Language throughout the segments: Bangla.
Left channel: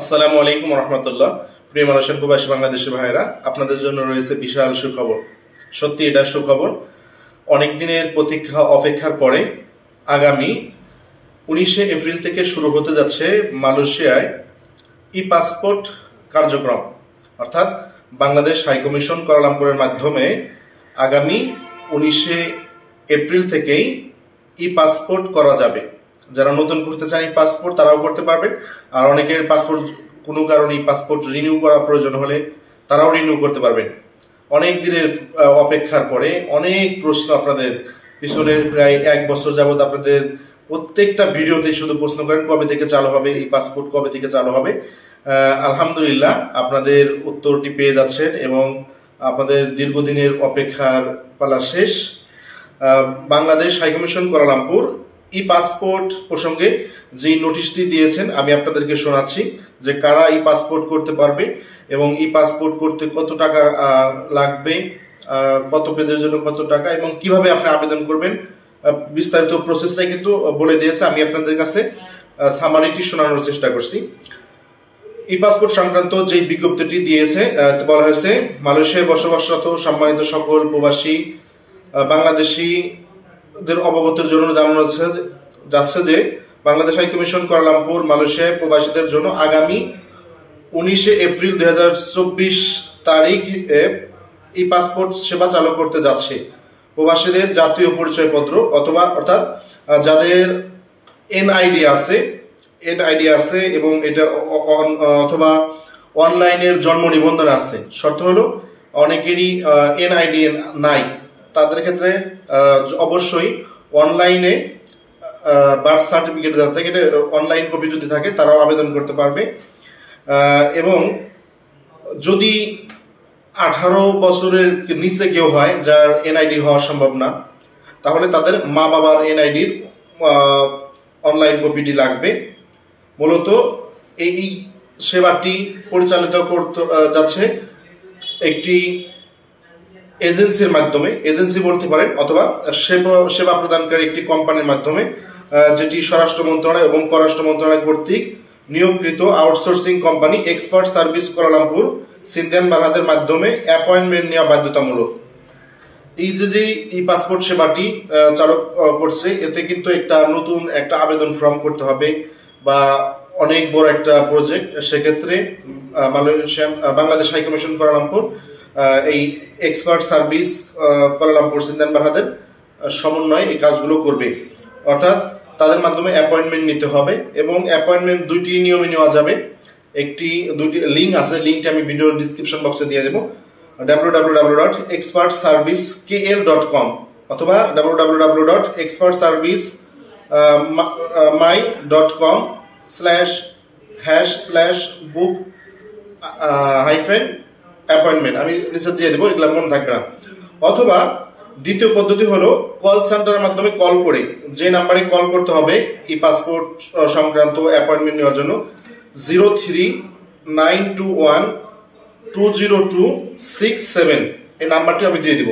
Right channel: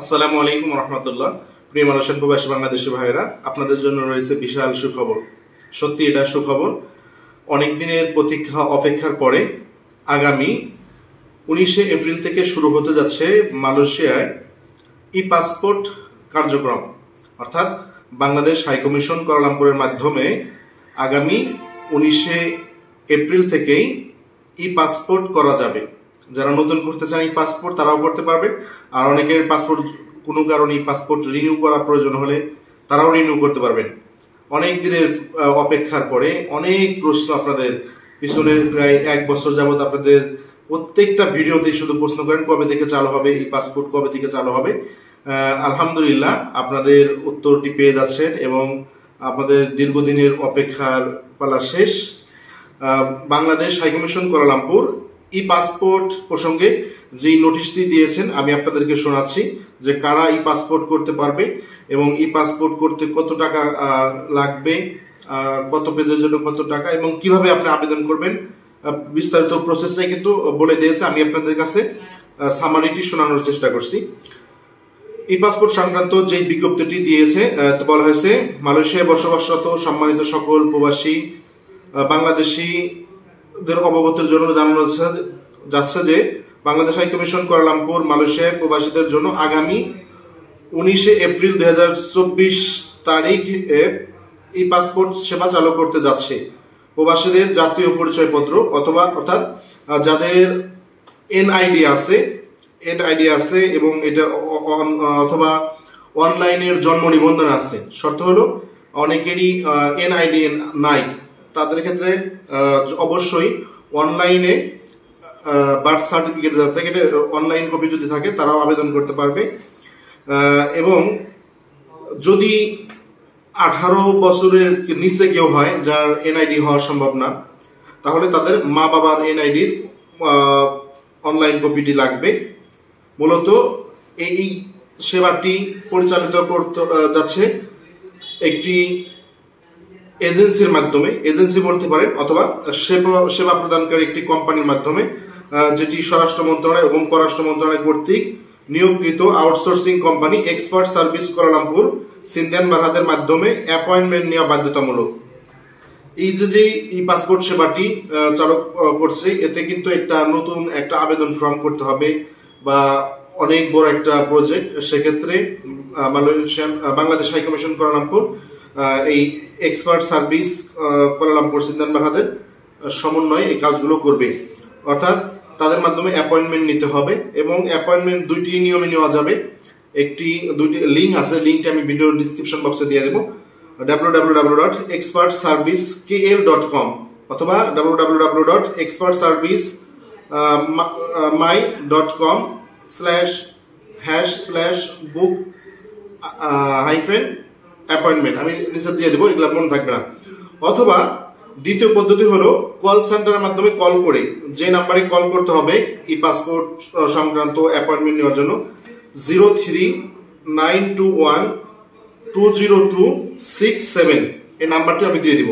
আসসালামু আলাইকুম রহমতুল্লাহ। প্রিয় মালয়েশিয়ান প্রবাসী বাংলাদেশি ভাইরা, আপনাদের জন্য রয়েছে বিশাল সুখবর। সত্যি এটা সুখবর। অনেক দিনের প্রতীক্ষা অপেক্ষার পরে আগামী 19শে এপ্রিল থেকে শুরু হতে যাচ্ছে মালয়েশিয়ায় ই পাসপোর্ট কার্যক্রম। অর্থাৎ বাংলাদেশ হাইকমিশন কুয়ালালামপুরের মাধ্যমে আগামী 19শে এপ্রিল থেকেই ই পাসপোর্ট করা যাবে। যারা নতুন করতে চান এই পাসপোর্ট তারাও করতে পারবেন, আর অনেকের পাসপোর্ট কোনো কারণে পাসপোর্ট রিনিউ করার প্রয়োজন হলে তারাও রিনিউ করতে পারবেন। অনেক দিনের অপেক্ষার পরে অনেক প্রশ্ন আপনাদের পিছনের প্রায় 1 বছর যাবত আপনাদের প্রত্যেকটা ভিডিওতেই শুধু প্রশ্ন করেন কবে থেকে চালু হবে এই পাসপোর্ট, কবে থেকে চালু হবে। আলহামদুলিল্লাহ আপনাদের উত্তরটি পেয়ে যাচ্ছেন এবং আপনাদের দীর্ঘদিনের অপেক্ষার পালা শেষ। বাংলাদেশ হাইকমিশন কুয়ালালামপুর ই পাসপোর্ট প্রসঙ্গে যেই নোটিশটি দিয়েছেন আমি আপনাদেরকে শোনাচ্ছি যে কারা ই পাসপোর্ট করতে পারবে এবং ই পাসপোর্ট করতে কত টাকা লাগবে, কত পেজের জন্য কত টাকা এবং কিভাবে আপনি আবেদন করবেন, বিস্তারিত প্রসেসটাই কিন্তু বলে দিয়েছে। আমি আপনাদের কাছে সামারিটি শোনানোর চেষ্টা করছি। ই পাসপোর্ট সংক্রান্ত যে বিজ্ঞপ্তিটি দিয়েছে বলা হয়েছে, মালয়েশিয়ায় বসবাসরত সম্মানিত সকল প্রবাসী বাংলাদেশিদের অবগতের জন্য জানানো যাচ্ছে যে বাংলাদেশ হাইকমিশন কুয়ালালামপুর মালয়েশিয়ায় প্রবাসীদের জন্য আগামী 19শে এপ্রিল 2024 তারিখে ই পাসপোর্ট সেবা চালু করতে যাচ্ছে। প্রবাসীদের জাতীয় পরিচয়পত্র অর্থাৎ যাদের এনআইডি আছে এবং এটা অথবা অনলাইনের জন্ম নিবন্ধন আছে। শর্ত হলো অনেকেরই এনআইডি নাই, তাদের ক্ষেত্রে অবশ্যই অনলাইনে বার্থ সার্টিফিকেট যার থেকে অনলাইন কপি যদি থাকে তারাও আবেদন করতে পারবে। এবং যদি 18 বছরের নিচে কেউ হয় যার এনআইডি হওয়া সম্ভব না, তাহলে তাদের মা বাবার এনআইডির অনলাইন কপিটি লাগবে। মূলত এই সেবাটি পরিচালিত করতে যাচ্ছে একটি এজেন্সির মাধ্যমে, এজেন্সি বলতে পারেন অথবা সেবা প্রদানকারী একটি কোম্পানির মাধ্যমে, যেটি স্বরাষ্ট্র মন্ত্রণালয় এবং পররাষ্ট্র মন্ত্রণালয় কর্তৃক নিয়োগকৃত outsourcing company expert service Kuala Lumpur সিনদিয়ান বারহাদের মাধ্যমে অ্যাপয়েন্টমেন্ট নেওয়া বাধ্যতামূলক। এই যে ই পাসপোর্ট সেবাটি চালু করছে, এতে কিন্তু নতুন একটা আবেদন ফর্ম করতে হবে বা অনেক বড় একটা প্রজেক্ট। সেক্ষেত্রে বাংলাদেশ হাইকমিশন কুয়ালালামপুর এই এক্সপার্ট সার্ভিস কুয়ালালামপুর সিনদিয়ান বারহাদের সমন্বয়ে এই কাজগুলো করবে। অর্থাৎ তাদের মাধ্যমে অ্যাপয়েন্টমেন্ট নিতে হবে এবং অ্যাপয়েন্টমেন্ট দুটি নিয়মে নেওয়া যাবে। দুটি লিঙ্ক আছে, লিঙ্কটি আমি ভিডিও ডিসক্রিপশন বক্সে দিয়ে দেবো। www.expertservicekl.com অথবা www.expertservice.my.com/book-appointment আমি নিচে দিয়ে দেবো, এগুলো মনে থাকবে না। অথবা দ্বিতীয় পদ্ধতি হলো কল সেন্টারের মাধ্যমে কল করে, যে নাম্বারে কল করতে হবে ই পাসপোর্ট সংক্রান্ত অ্যাপয়েন্টমেন্ট নেওয়ার জন্য 03-921-202-67 এই নাম্বারটি আমি দিয়ে দিব।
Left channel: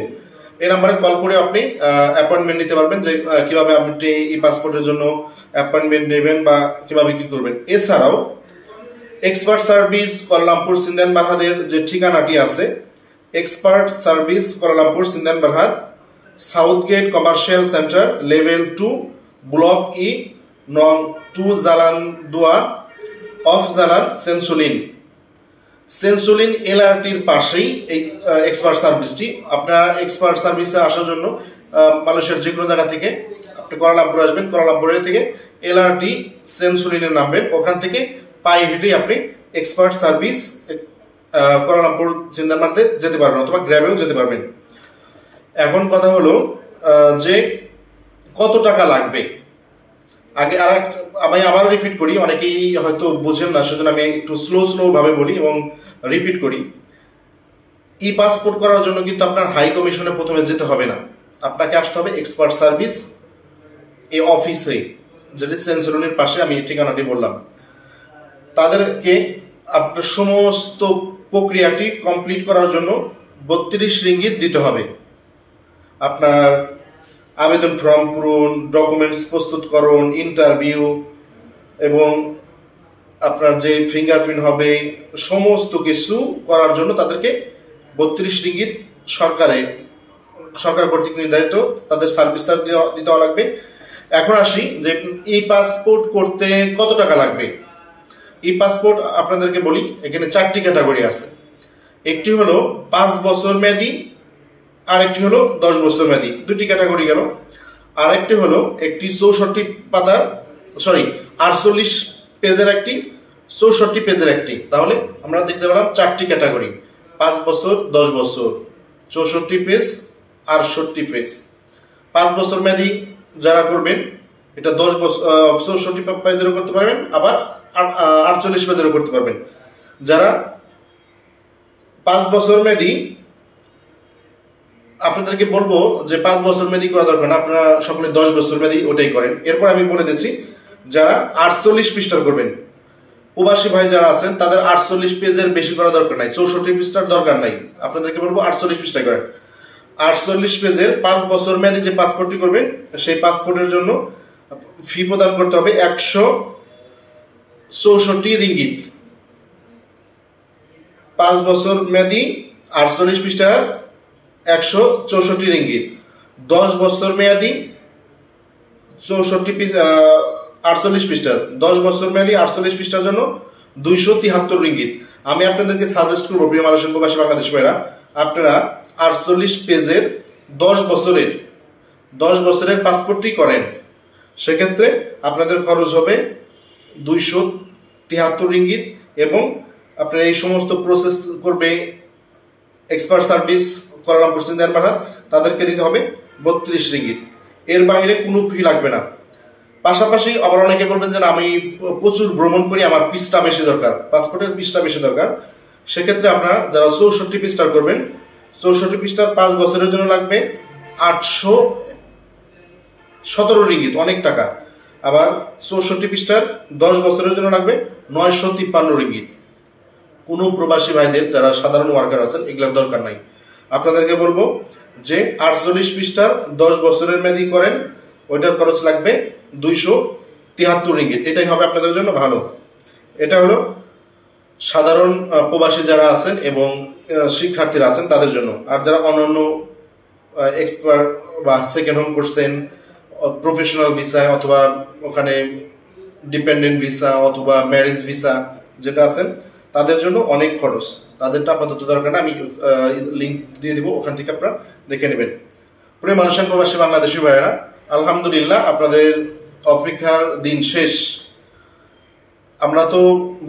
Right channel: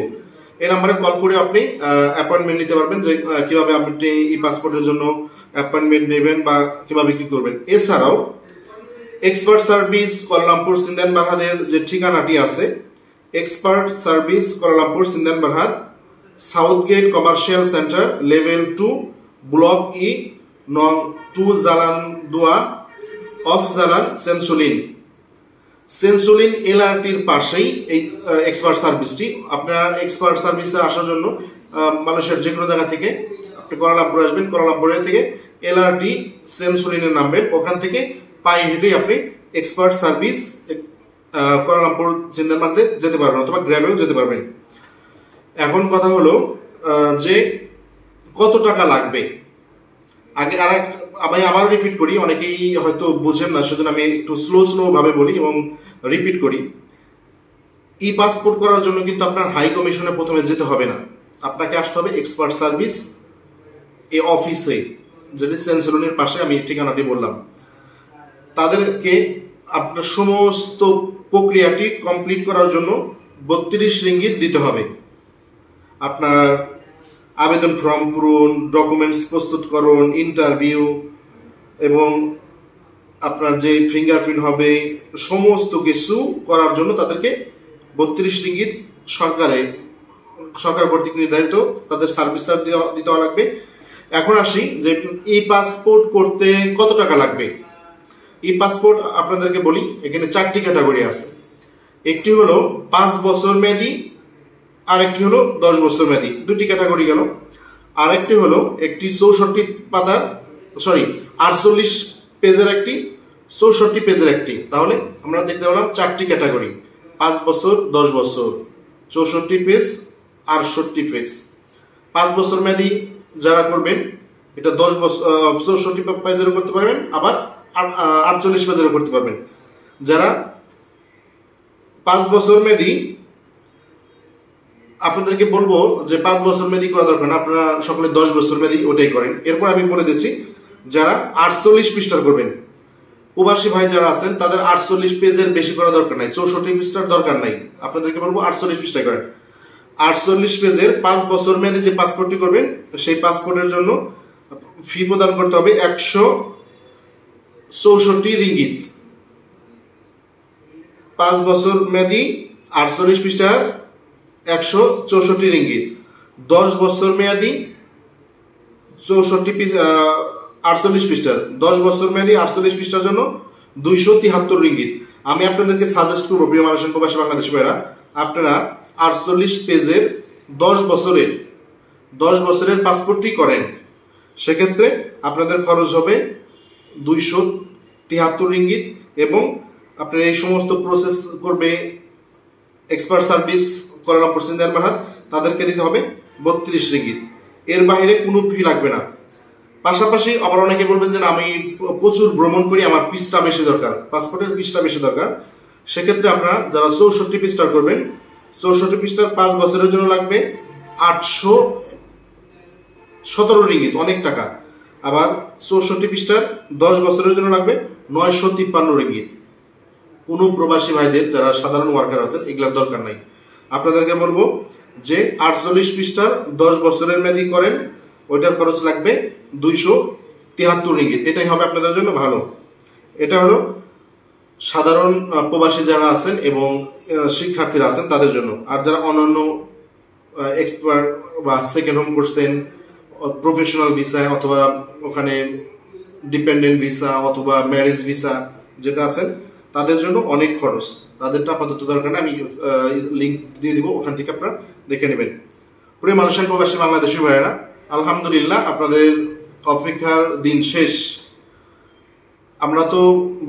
এই নাম্বারে কল করে আপনি অ্যাপয়েন্টমেন্ট নিতে পারবেন যে কিভাবে আপনি ই পাসপোর্টের জন্য অ্যাপয়েন্টমেন্ট নেবেন বা কিভাবে কি করবেন। এছাড়াও এক্সপার্ট সার্ভিস কুয়ালালামপুর সিনদিয়ান বারহাদের যে ঠিকানাটি আছে, এক্সপার্ট সার্ভিস কুয়ালালামপুর সিনদিয়ান বারহাদ, south gate commercial centre, level 2, block E, নং 2, জালান 2 অফ জালান সেন্সুলিন এলআরটির পাশেই এই এক্সপার্ট সার্ভিসটি। আপনার এক্সপার্ট সার্ভিসে আসার জন্য মালয়েশিয়ার যে কোনো জায়গা থেকে আপনি কুয়ালালামপুর আসবেন, কুয়ালালামপুরের থেকে এলআরটি সেন্সুলিনে নামবেন, ওখান থেকে পায়ে হেঁটেই আপনি এক্সপার্ট সার্ভিস কুয়ালালামপুর সিনদিয়ান বারহাদে যেতে পারবেন অথবা গ্র্যাবেও যেতে পারবেন। এখন কথা হলো যে কত টাকা লাগবে। আগে আমি আবার রিপিট করি, অনেকেই হয়তো বুঝেন না, সেজন্য আমি একটু স্লো ভাবে বলি এবং রিপিট করি। ই পাসপোর্ট করার জন্য কিন্তু আপনার হাই কমিশনে প্রথমে যেতে হবে না, আপনাকে আসতে হবে এক্সপার্ট সার্ভিস এই অফিসে, যেটি সেন্সুলিনের পাশে আমি ঠিকানাটি বললাম। তাদেরকে আপনার সমস্ত প্রক্রিয়াটি কমপ্লিট করার জন্য 32 রিঙ্গিত দিতে হবে। আপনার আবেদন ফর্ম, পূরণ ডকুমেন্টস প্রস্তুতকরণ, ইন্টারভিউ এবং আপনার যে ফিঙ্গারপ্রিন্ট হবে সমস্ত কিছু করার জন্য তাদেরকে 32 রিঙ্গিত সরকার কর্তৃক নির্ধারিত তাদের সার্ভিস চার্জ দিতে লাগবে। এখন আসি যে ই পাসপোর্ট করতে কত টাকা লাগবে। ই পাসপোর্ট আপনাদেরকে বলি, এখানে 4টি ক্যাটাগরি আছে। একটি হলো 5 বছর মেয়াদি, আর একটি হলো 10 বছর মেয়াদি, 2টি ক্যাটাগরি গেল। আর একটি হলো একটি 48 পেজের একটি, 64 পেজের একটি। তাহলে আমরা দেখতে পেলাম 4টি ক্যাটাগরি, 5 বছর, 10 বছর, 64 পেজ, 68 পেজ। 5 বছর মেয়াদি যারা করবেন এটা 10 বছর 64 পেজেরও করতে পারবেন, আবার 48 পেজেরও করতে পারবেন। যারা 5 বছর মেয়াদি, আপনাদেরকে বলবো যে 5 বছর মেয়াদি করা দরকার না, আপনারা সকলে 10 বছর মেয়াদি ওটাই করেন। এরপর আমি বলে দিচ্ছি যারা 48 পৃষ্ঠার করবেন, প্রবাসী ভাই যারা আছেন তাদের 48 পেজের বেশি করা দরকার নাই, 64 পৃষ্ঠার দরকার নাই। আপনাদেরকে বলবো 48 পৃষ্ঠায় করেন। 48 পেজের 5 বছর মেয়াদি যে পাসপোর্টটি করবেন, সেই পাসপোর্টের জন্য ফি প্রদান করতে হবে 164 রিঙ্গিত। 5 বছর মেয়াদি 48 পৃষ্ঠার 164 রিঙ্গিত। 10 বছর মেয়াদি 48 পৃষ্ঠার, 10 বছর মেয়াদি 48 পৃষ্ঠার জন্য 273 রিঙ্গিত। আমি আপনাদেরকে সাজেস্ট করবো প্রিয় মালয়েশিয়ান প্রবাসী বাংলাদেশী ভাইরা, আপনারা 48 পেজের 10 বছরের পাসপোর্টটি করেন। সেক্ষেত্রে আপনাদের খরচ হবে 273 রিঙ্গিত, এবং আপনার এই সমস্ত প্রসেস করবে এক্সপার্ট সার্ভিস কুয়ালালামপুর সিন্ধিয়ান বারহাত, তাদেরকে দিতে হবে 32 রিঙ্গিত। এর বাইরে কোনো ফি লাগবে না। পাশাপাশি আবার অনেকে বলবেন যে আমি প্রচুর ভ্রমণ করি, আমার পৃষ্ঠা বেশি দরকার, পাসপোর্টের পৃষ্ঠা বেশি দরকার। সেক্ষেত্রে আপনারা যারা 64 পৃষ্ঠার করবেন, 64 পৃষ্ঠার 5 বছরের জন্য লাগবে 817 রিঙ্গিত, অনেক টাকা। আবার 64 পৃষ্ঠার 10 বছরের জন্য লাগবে 953 রিঙ্গিত। কোনো প্রবাসী ভাইদের যারা সাধারণ ওয়ার্কার আছেন এগুলোর দরকার নাই। আপনাদেরকে বলবো যে 48 পৃষ্ঠার 10 বছরের মেয়াদি করেন, ওইটার খরচ লাগবে 273 রিঙ্গিত। এটাই হবে আপনাদের জন্য ভালো। এটা হলো সাধারণ প্রবাসী যারা আছেন এবং শিক্ষার্থীরা আছেন তাদের জন্য। আর যারা অন্যান্য এক্সপার্ট বা সেকেন্ড হোম করছেন, প্রফেশনাল ভিসা অথবা ওখানে ডিপেন্ডেন্ট ভিসা অথবা ম্যারেজ ভিসা যেটা আছেন, তাদের জন্য অনেক খরচ, তাদেরটা আপাতত দরকার না। আমি লিঙ্ক দিয়ে দিব, ওখান থেকে আপনারা দেখে নেবেন। প্রিয় মালয়েশিয়ান প্রবাসী বাংলাদেশী ভাইয়েরা, আলহামদুলিল্লাহ আপনাদের অপেক্ষার দিন শেষ। আমরা তো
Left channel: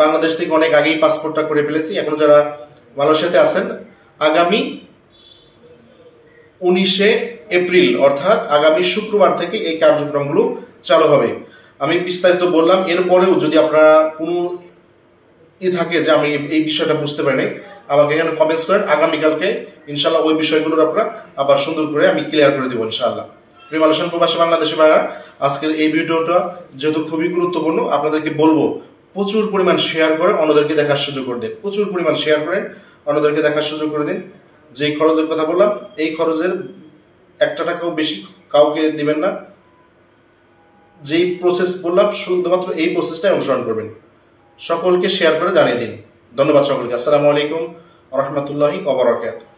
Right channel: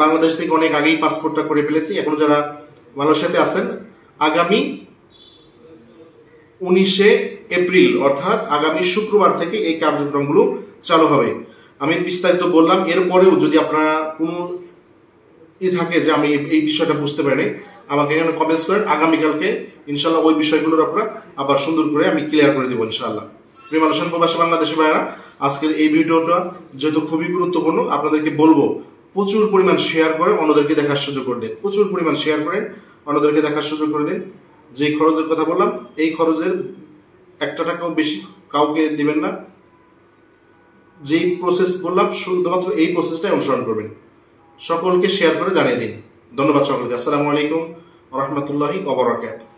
বাংলাদেশ থেকে অনেক আগেই পাসপোর্টটা করে ফেলেছি। এখন যারা মালয়েশিয়াতে আছেন, আগামী 19 এপ্রিল অর্থাৎ আগামী শুক্রবার থেকে এই কার্যক্রমগুলো চালু হবে। আমি বিস্তারিত বললাম। এরপরেও যদি আপনারা কোনো থাকে যে আমি এই বিষয়টা বুঝতে পারি নাই, আমাকে এখানে কমেন্টস করেন। আগামীকালকে ইনশাল্লাহ ওই বিষয়গুলোর আপনারা আবার সুন্দর করে আমি ক্লিয়ার করে দেবো ইনশাআল্লাহ। প্রিয় মালয়েশিয়ান প্রবাসী বাংলাদেশী ভাইরা, আজকের এই ভিডিওটা যেহেতু খুবই গুরুত্বপূর্ণ, আপনাদেরকে বলবো প্রচুর পরিমাণ শেয়ার করে অন্যদেরকে দেখার সুযোগ করে দিন। প্রচুর পরিমাণ শেয়ার করেন, অন্যদেরকে দেখার সুযোগ করে দিন। যেই খরচের কথা বললাম, এই খরচের 1 টাকাও বেশি কাউকে দিবেন না। যেই প্রসেস বললাম শুধুমাত্র এই প্রসেসটাই অনুসরণ করবেন। সকলকে শেয়ার করে জানিয়ে দিন। ধন্যবাদ সকলকে। আসসালামু আলাইকুম ওয়া রাহমাতুল্লাহি ওয়া বারাকাতুহু।